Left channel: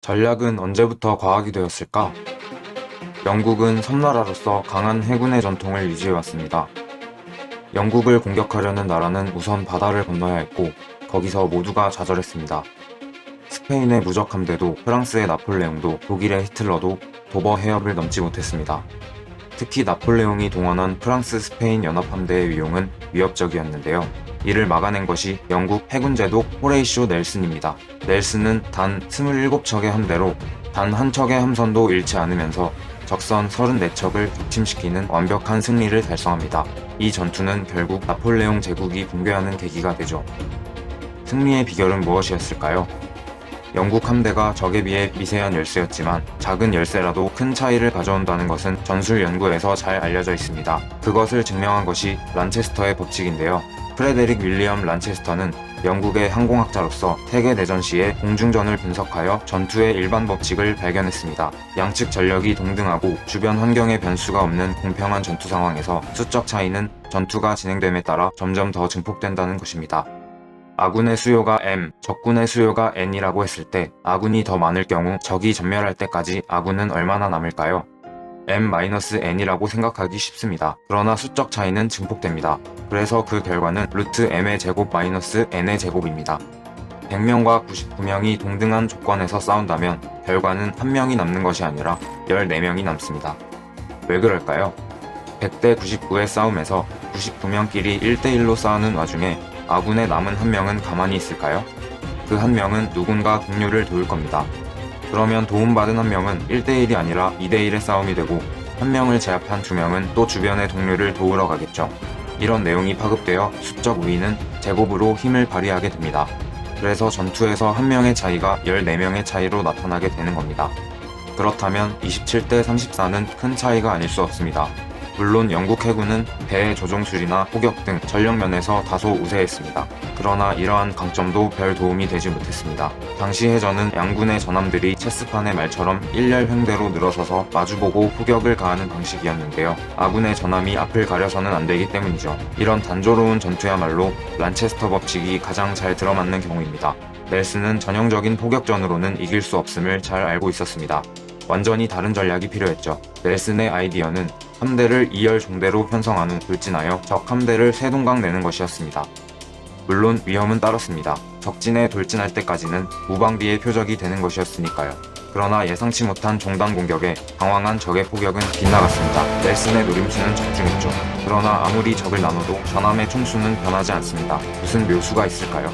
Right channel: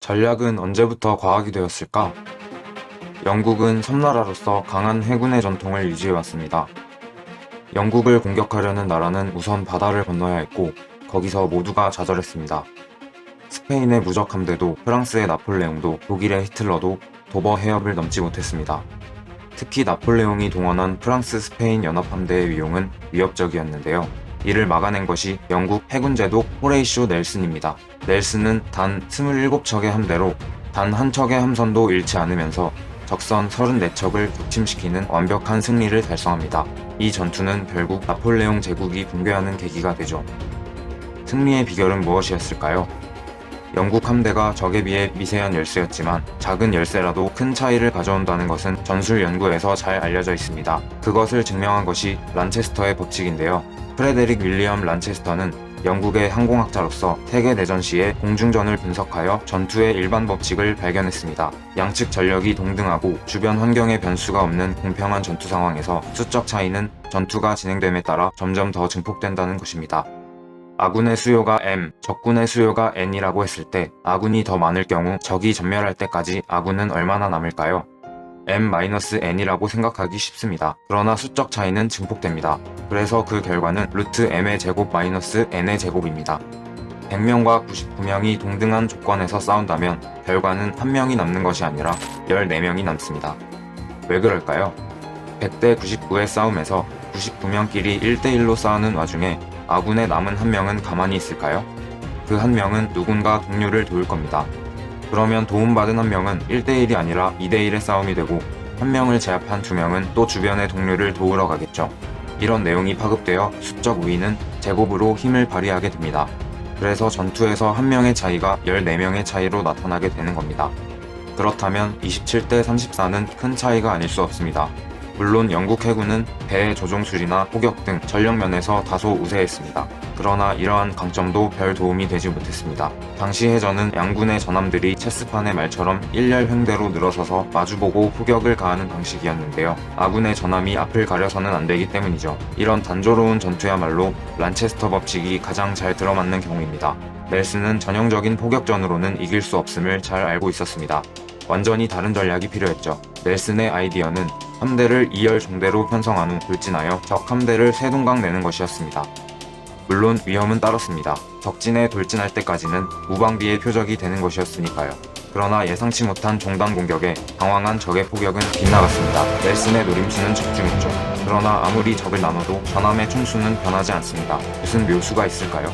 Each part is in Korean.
전략은 언제부터 과학이 되었을까? 영국은 섬나라로서 강한 해군의 전통을 유지해왔습니다. 영국을 공격하려는 나라는 우선 바다를 건너야 했고, 거기서 모두가 좌절했습니다. 스페인의 무적 함대도 프랑스의 나폴레옹도 독일의 히틀러도 도버 해협을 넘지 못했습니다. 특히 나폴레옹이 동원한 프랑스 스페인 연합함대의 위용은 위협적이었는데요. 이를 막아낸 것이 영국 해군 제독 호레이쇼 넬슨입니다. 넬슨은 단 27척의 함대로 단 한 척의 함선도 잃지 않으면서 적선 34척을 격침시키는 완벽한 승리를 달성합니다. 이 전투는 결국 나폴레옹 제국이 붕괴하는 계기가 되죠. 승리의 비결은 무엇이었을까요? 영국 함대가 적에 비해 미세한 열수였지만 작은 열세라도 큰 차이를 가져온다는 것은 전술 연구에서 잘 알려져 있습니다. 그것을 증명한 것이 란체스터의 법칙인데요. 프레데릭 윌리엄 란체스터는 영국의 항공학자로서 세계대전 시에 공중전을 분석하여 전투의 일반 법칙을 발견했습니다. 양측 전력이 동등하고 주변 환경의 변수가 없는 공평한 전투 상황에서 수적 차이는 전투가 진행됨에 따라 점점 더 증폭된다는 것입니다. 아군의 수요가 M, 적군의 수요가 N이라고 했을 때 아군이 더 많을 경우 적이 전멸할 때까지 아군은 얼마나 남을까요? M-N이라고 생각하기 쉽습니다. 그러나 수적 차이는 증폭됩니다. 그래서 그 결과는 루트 M의 제곱 마이너스 N의 제곱입니다. 100명과 99명이 동등한 조건에서 싸운다면 결과는 1명이 남는 것이 아니라 14명이 남습니다. 왜 그럴까요? 100대 99의 싸움에서 99명끼리 1대1로 싸우는 와중에 아군의 남은 한 명은 가만히 있을까요? 그 한 명은 누군가 동료를 도울 겁니다. 그러면 도움받은 한 명은 1대1이 아니라 2대1의 싸움이 되고 한 명을 제압한 두 명은 또 주변의 동료를 도우러 가겠죠. 이런 내용이 파급되어 수적 우위는 제곱으로 힘을 발휘하게 됩니다. 그래서 전투에서 한 명의 차이가 14명의 차이로 나타나게 되는 겁니다. 그렇다면 27대 34는 큰 차이가 아닐 수 없습니다. 물론 영국 해군은 배의 조종술이나 포격 등 전력 면에서 다소 우세했습니다. 그러나 이러한 강점도 별 도움이 되지 못했습니다. 당시 해전은 양군의 전함들이 체스판의 말처럼 일렬횡대로 늘어서서 마주보고 포격을 가하는 방식이었는데요. 아군의 전함이 앞을 가려서는 안 되기 때문이죠. 이런 단조로운 전투야말로 란체스터 법칙이 가장 잘 들어맞는 경우입니다. 넬슨은 전형적인 포격전으로는 이길 수 없음을 잘 알고 있었습니다. 완전히 다른 전략이 필요했죠. 넬슨의 아이디어는 함대를 2열 종대로 편성한 후 돌진하여 적 함대를 세동강 내는 것이었습니다. 물론 위험은 따랐습니다. 적진에 돌진할 때까지는 무방비의 표적이 되는 것이었으니까요. 그러나 예상치 못한 종단 공격에 당황한 적의 포격은 빗나갔습니다. 넬슨의 노림수는 적중했죠. 그러나 아무리 적을 나눠도 전함의 총수는 변하지 않습니다. 무슨 묘수가 있을까요?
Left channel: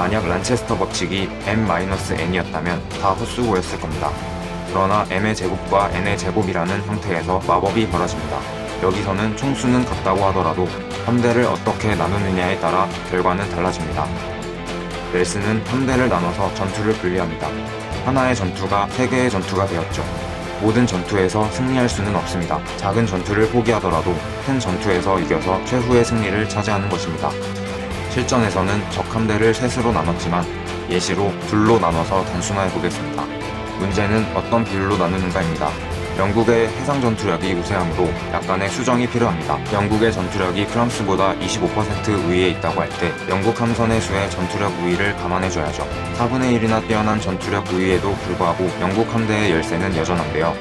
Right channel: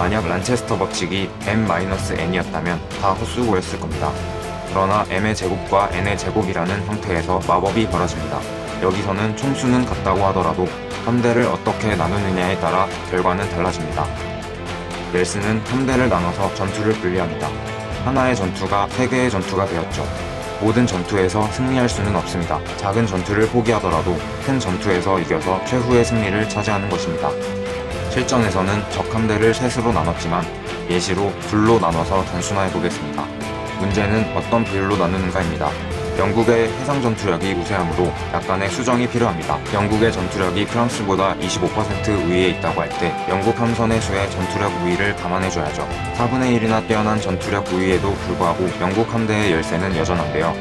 만약 란체스터 법칙이 M-N이었다면 다 헛수고였을 겁니다. 그러나 M의 제곱과 N의 제곱이라는 형태에서 마법이 벌어집니다. 여기서는 총수는 같다고 하더라도 함대를 어떻게 나누느냐에 따라 결과는 달라집니다. 넬슨은 함대를 나눠서 전투를 분리합니다. 하나의 전투가 세 개의 전투가 되었죠. 모든 전투에서 승리할 수는 없습니다. 작은 전투를 포기하더라도 큰 전투에서 이겨서 최후의 승리를 차지하는 것입니다. 실전에서는 적 함대를 셋으로 나눴지만 예시로 둘로 나눠서 단순화해 보겠습니다. 문제는 어떤 비율로 나누는가입니다. 영국의 해상 전투력이 우세하므로 약간의 수정이 필요합니다. 영국의 전투력이 프랑스보다 25% 우위에 있다고 할 때 영국 함선의 수의 전투력 우위를 감안해줘야죠. 4분의 1이나 뛰어난 전투력 우위에도 불구하고 영국 함대의 열세는 여전한데요.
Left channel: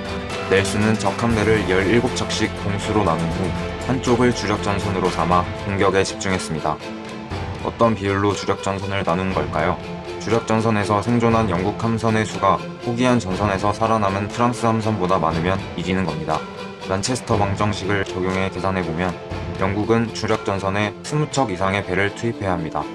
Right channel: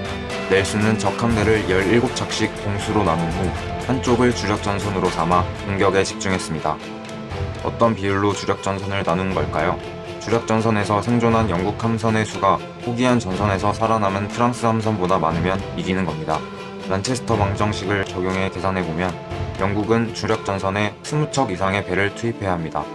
넬슨은 적 함대를 17척씩 동수로 나눈 후 한쪽을 주력전선으로 삼아 공격에 집중했습니다. 어떤 비율로 주력전선을 나눈 걸까요? 주력전선에서 생존한 영국 함선의 수가 포기한 전선에서 살아남은 프랑스 함선보다 많으면 이기는 겁니다. 란체스터 방정식을 적용해 계산해보면 영국은 주력전선에 20척 이상의 배를 투입해야 합니다.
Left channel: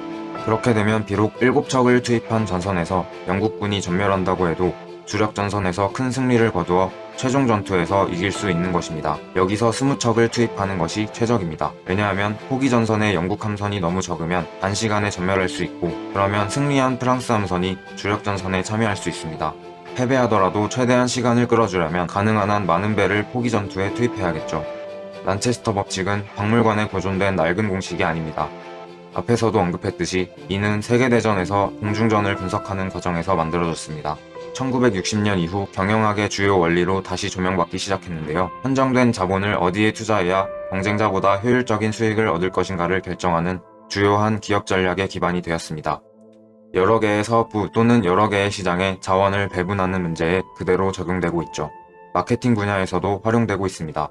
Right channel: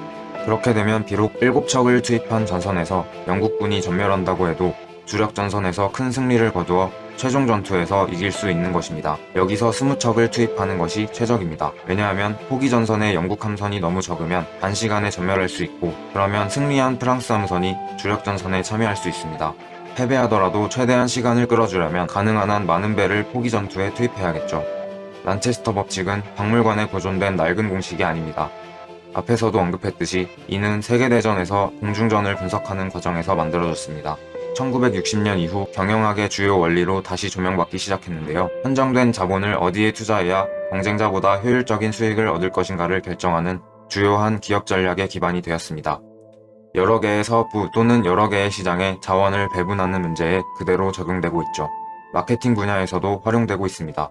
그렇게 되면 비록 7척을 투입한 전선에서 영국군이 전멸한다고 해도 주력전선에서 큰 승리를 거두어 최종 전투에서 이길 수 있는 것입니다. 여기서 20척을 투입하는 것이 최적입니다. 왜냐하면 포기 전선에 영국 함선이 너무 적으면 단시간에 전멸할 수 있고 그러면 승리한 프랑스 함선이 주력 전선에 참여할 수 있습니다. 패배하더라도 최대한 시간을 끌어주려면 가능한 한 많은 배를 포기 전투에 투입해야겠죠. 란체스터 법칙은 박물관에 보존된 낡은 공식이 아닙니다. 앞에서도 언급했듯이 이는 세계대전에서 공중전을 분석하는 과정에서 만들어졌습니다. 1960년 이후 경영학의 주요 원리로 다시 조명받기 시작했는데요. 한정된 자본을 어디에 투자해야 경쟁자보다 효율적인 수익을 얻을 것인가를 결정하는 주요한 기업 전략의 기반이 되었습니다. 여러 개의 사업부 또는 여러 개의 시장에 자원을 배분하는 문제에 그대로 적용되고 있죠. 마케팅 분야에서도 활용되고 있습니다.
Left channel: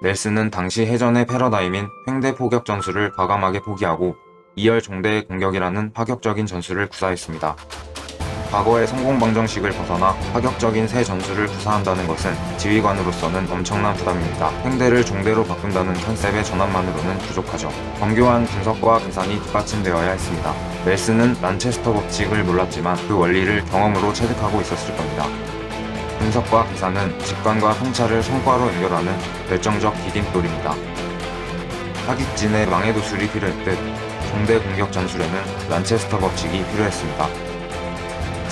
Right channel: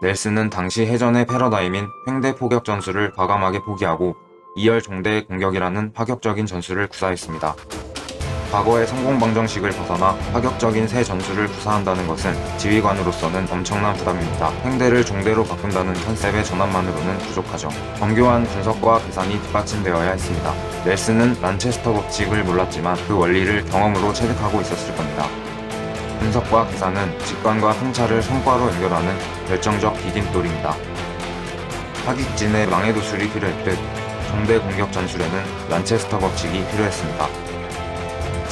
넬슨은 당시 해전의 패러다임인 횡대 포격 전술을 과감하게 포기하고 2열 종대 공격이라는 파격적인 전술을 구사했습니다. 과거의 성공 방정식을 벗어나 파격적인 새 전술을 구사한다는 것은 지휘관으로서는 엄청난 부담입니다. 횡대를 종대로 바꾼다는 컨셉의 전환만으로는 부족하죠. 정교한 분석과 계산이 뒷받침되어야 했습니다. 넬슨은 란체스터 법칙을 몰랐지만 그 원리를 경험으로 체득하고 있었을 겁니다. 분석과 계산은 직관과 통찰을 손과로 연결하는 결정적 디딤돌입니다. 사기진의 망의 도술이 필요했듯 종대 공격 전술에는 란체스터 법칙이 필요했습니다.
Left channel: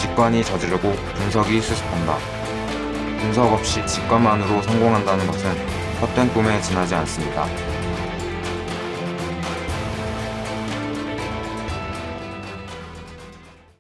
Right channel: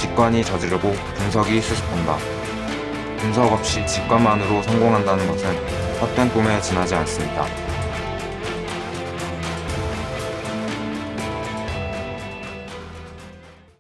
직관이 저지르고 분석이 수습한다. 분석 없이 직관만으로 성공한다는 것은 헛된 꿈에 지나지 않습니다.